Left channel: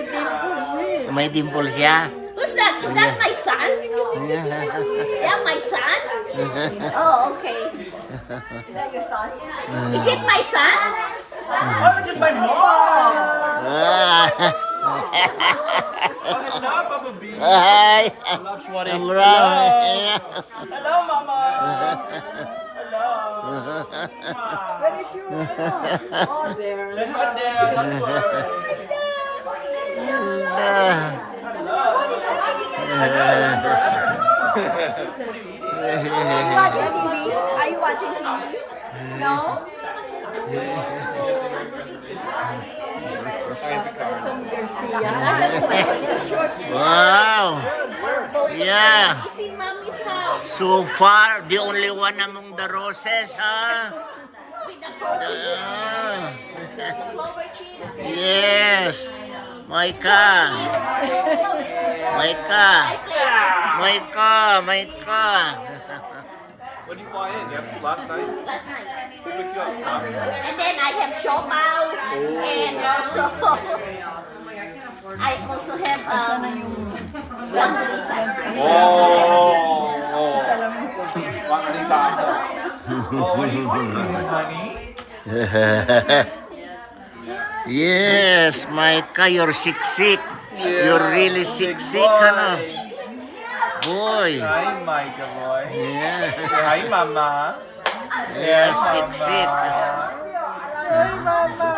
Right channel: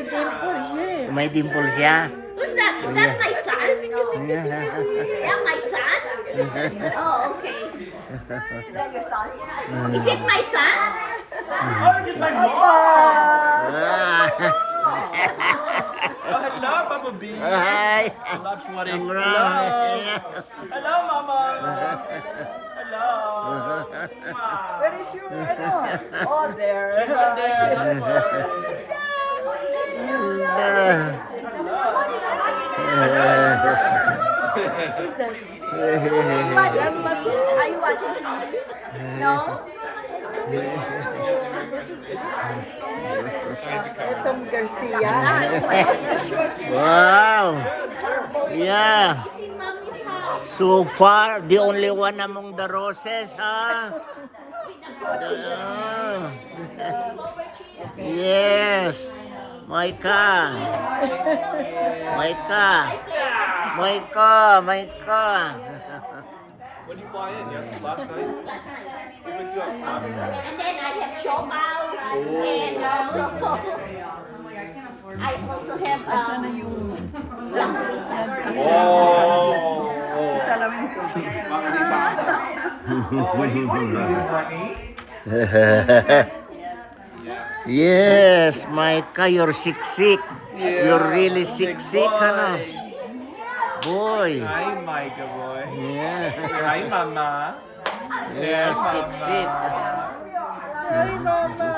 may dimple siya. May dimple siya. Who's that? Is that my son? Yeah, my son? Oh, okay. Is that your son? Is it my son? Hello, Papa B. Hi. Hello, Shwari. Hello. Hello, Mama. Hello. Where is your Oh, there. Hello there. Watching TV? Are you watching TV? No? Itong Garcia. Wow. Yeah. It's in Mommy's house. So far, the only one among the roses, huh? Yes. Micah. Micah. Micah. Micah. What do you buy in? Yes, last night. Who picked you up? And then I have Shomao and Supo. I also have Gambalisa. Salamin ko. Yes, Micah, you're sick. You're really sick, ano? Boy. Hi, Micah boy. Yeah. Hi, Mama. You're sick. Hi, Mama.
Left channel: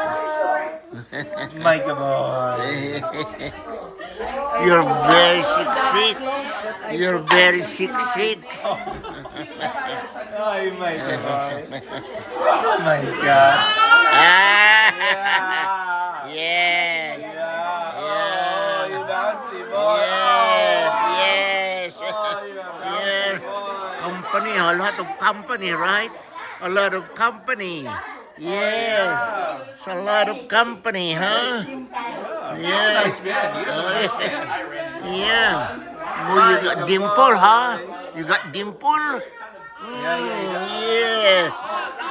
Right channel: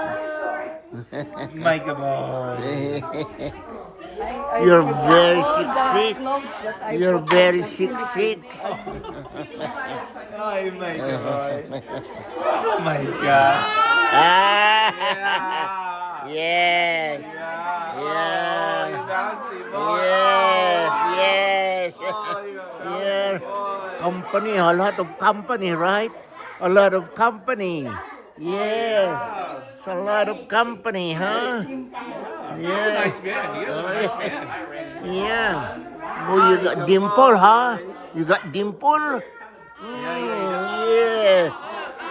Micah boy. You're very sick. You're very sick. Hi, Micah boy. Oh my God. Ah. Yeah. Yes. Yeah. Oh, you bouncy boy. Yes. Oh, you Yeah. Company, a lot of company, right? A lot of company. Yes. It's a lot of company, huh? Yeah. nice man. He is a nice man. Yeah. Boy, you got dimple, huh? You got dimple? Yeah.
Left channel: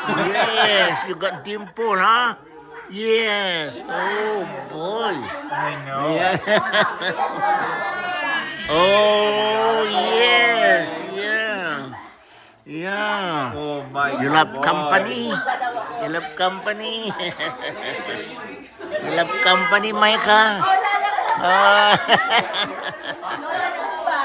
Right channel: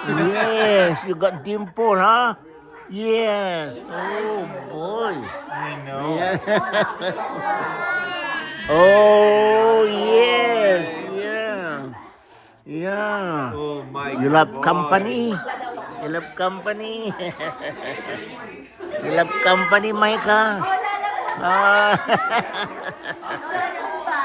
Yes, you got dimple, huh? Yes. Oh, boy. I know. Yeah. Oh, yes. Yeah. Yeah. Oh my You love boy. company. You love company. You love company, Micah. Ah.